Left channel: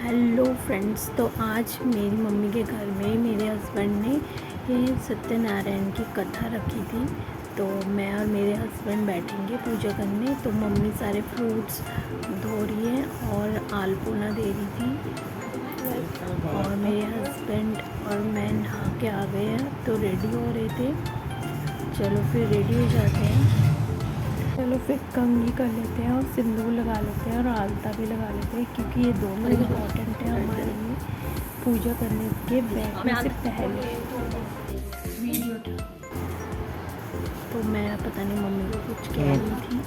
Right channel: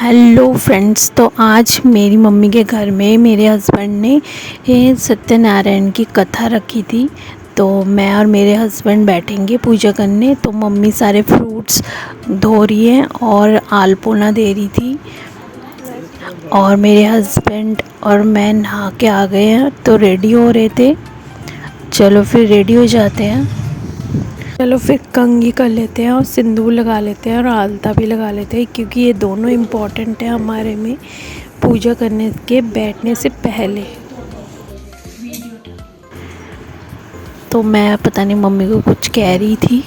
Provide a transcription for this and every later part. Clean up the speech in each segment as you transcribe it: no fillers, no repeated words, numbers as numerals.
Hello friends, तो आज मेरी मम्मी के घर में मेरे हस्बैंड ने सत्यनारायण की कथा रखी थी। तो मैं और मेरे हस्बैंड बैठेंगे पूजा करने। तो मम्मी सारे फ्रूट्स धो रही हैं और आलपोना दे रही थी, और मेरे हस्बैंड और मैं नहा के आ गए हैं तो रेडी हो रहे थे। चलो फिर रेडी हो जाते हैं। चलो फिर कंघी कर लेते हैं और सिंदूर लगा लेते हैं और आलता भी लगा लेते हैं, क्योंकि ये दोनों इम्पॉर्टेंट है हमारे में पूजा करने के बैठने से पहले। तो मैं पता नहीं मम्मी को कुछ कह रही थी।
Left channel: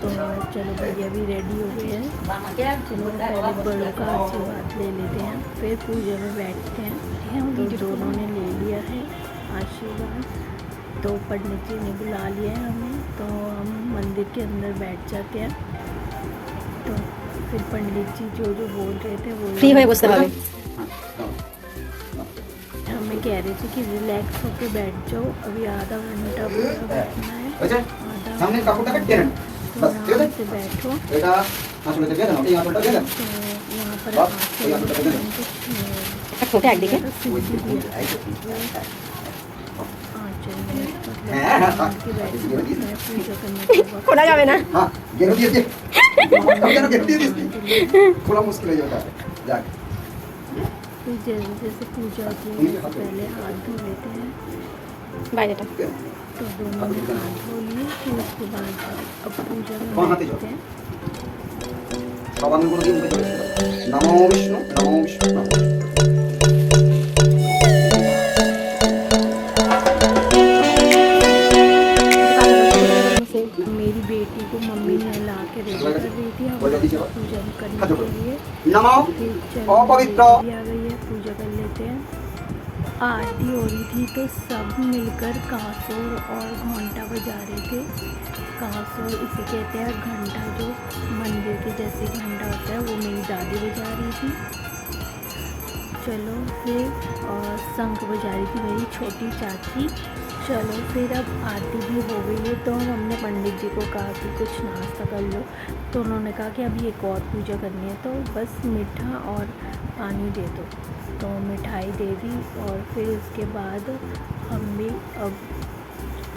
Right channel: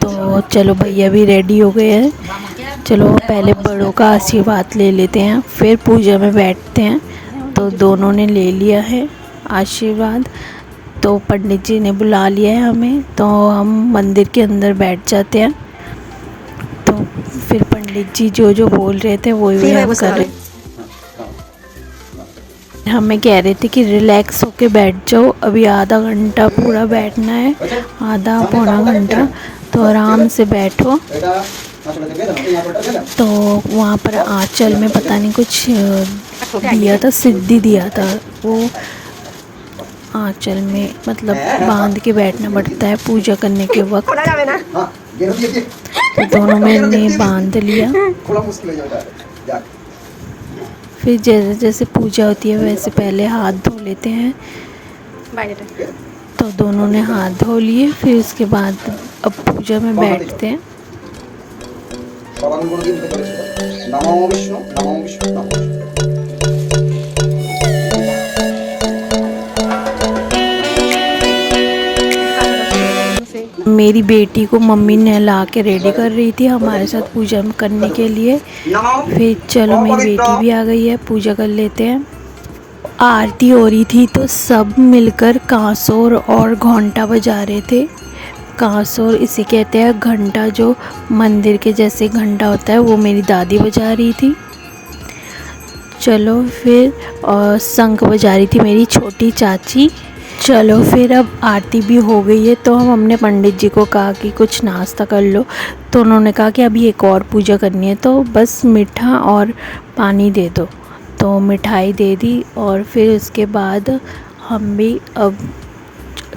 तो चलो भैया भी रेडी हो गए हैं। चलो पहले बड़ों का आशीर्वाद ले लेते हैं, फिर पूजा में बैठते हैं। तो दोनों ने ले लिया है आशीर्वाद। तो पंडित जी ने बुला लिया है हमें, तो हम मंदिर के अंदर बैठ जाते हैं। तो फिर पंडित जी जो जो बोल रहे थे वही हम कर रहे। हमें कह रहे थे कि रिलैक्स होके बैठ जाओ, अभी आधा घंटा पूरा बैठना है, आधा पौना घंटा, तो आराम से बैठो। तो वहाँ पर आंचल में पता नहीं कुछ दिया था, सिद्धि दिया था। वो आंचल में मतलब बांध के बैठना पड़ता है पूजा करने के वक्त। तो दोनों ने बांध लिया। फिर जैसे जैसे पूजा होती है वैसे पहले हाथ धो लेते हैं। तो दोनों ने हाथ धो लिए, फिर उसके बाद अब पूजा में बैठते हैं। नमो विष्णु नमो विष्णु नमो। मेरी बेटी को मम्मी नहला के रेडी कर रही थी हमारे साथ पूजा करने के लिए। फिर चलो मेरी बेटी भी आ गई है, पूजा कर लेते हैं। आरती हो रही थी तो सब मिलकर कांसोर और घंटा बजा रहे थे। कांसोर इसे कहते हैं घंटा, जो मंदिर के जैसे घंटा होता है, वो मेरी दादी बजा रही थी। चलो फिर और शंख बजा रही थी मेरी छोटी चाची। चलो फिर अब आरती भी हो गई है, तो हमने पंडित जी को कहा कि कुछ नाश्ता कर लो। तो उन्होंने कहा कि अभी एक और पूजा करनी है, तो बस मीठा और पानी दे दो। तो मिठाई दे दी, और फिर उसके बाद हम भी अब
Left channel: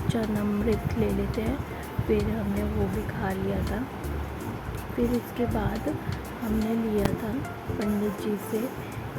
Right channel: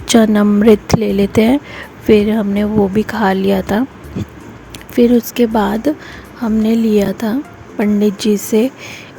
चरणामृत ले लेते हैं। फिर हमने वो भी खा लिया था। फिर उसके बाद हमने लिया था पंडित जी से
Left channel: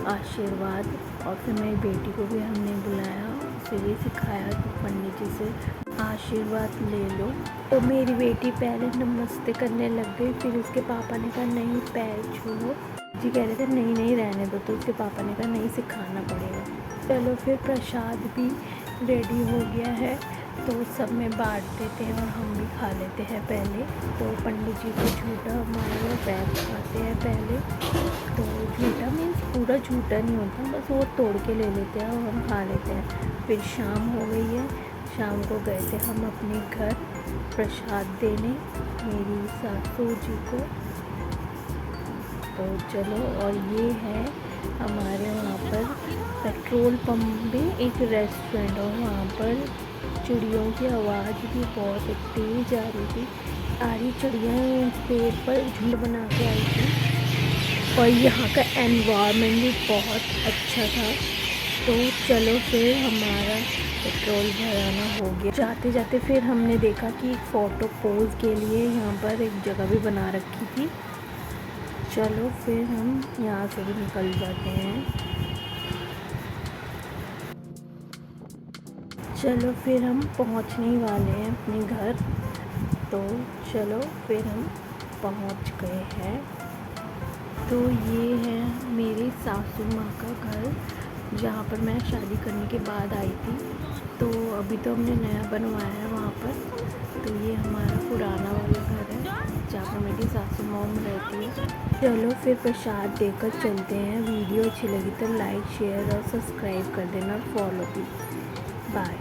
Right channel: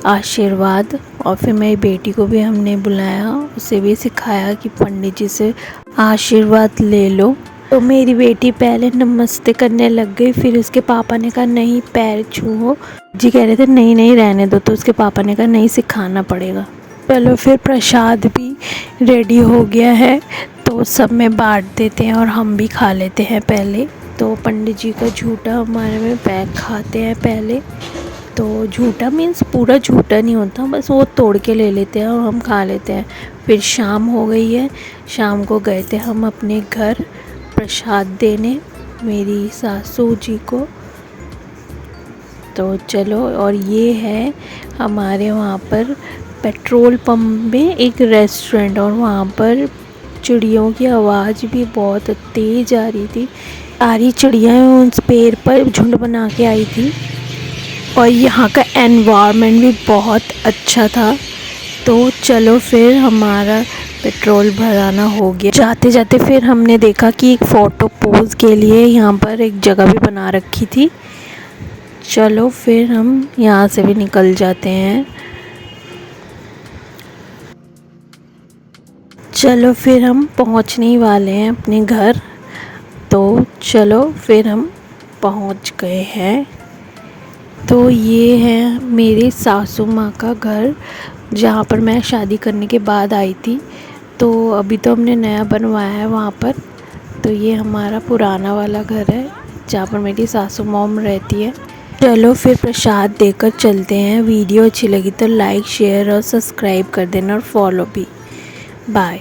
आशीर्वाद, और फिर मेरी बेटी को भी हमने बुलाया, उसे भी सिखाया कि पंडित जी से आशीर्वाद ले लो। तो मेरी बेटी पहले नमस्ते करने लग गई, फिर उसके पापा ने कहा नहीं पैर छूओ। जी कह रहे थे नहीं नहीं रहने दो, तो उसके पापा ने कहा नहीं सिखाना पड़ेगा। चलो फिर प्रसाद भी रेडी हो गया है, तो सब में बांट देते हैं और हम भी खा लेते हैं पहले। तो पंडित जी का झूठा हमारे में पैक खाते हैं पहले। तो झूठा मीन्स पूरा झूठा नहीं होता, बस वो तोड़ के ले लेते हैं और हम खा लेते हैं। फिर शाम हो गई है, शाम को गए थे हम अपने घर प्रसाद देने मेरी सासू जी को। तो चलो, और ये है हमारे वहाँ पर पेट्रोल पंप में एक रेस्टोरेंट, और वहाँ पर चिड़ियों की आवाज़ भी बहुत तेज़ आ रही थी। सारी चिड़ियाँ उस पेड़ पर झुंड बना के आई थी, और यहाँ का एनवायरनमेंट भी बहुत अच्छा था। तो चलो फिर हमारा पेट्रोल भराना हो गया। जाते जाते फिर हमने देखा कि एक फ़ोटो पोज के लिए यहाँ पर एक जगह भी बना रखी थी। चलो फिर हम यहाँ से भी निकल जाते हैं। चलो फिर हम पहुँचने ही वाले हैं अपने घर। तो चलो फिर हम पहुँच गए हैं। तो ये है मेरी सासू माँ का घर, जहाँ पर मैं शादी करने के बाद आई थी। तो अभी तो हमने नया बनवाया है वहाँ पर। तो ये हमारा पुराना वाला घर है, जहाँ पर मेरी सासू मॉम रहती है। चलो फिर प्रसाद देकर चलते हैं। वीडियो अच्छी लगी तो लाइक शेयर और सब्सक्राइब कर देना, और फॉलो भी। बाय।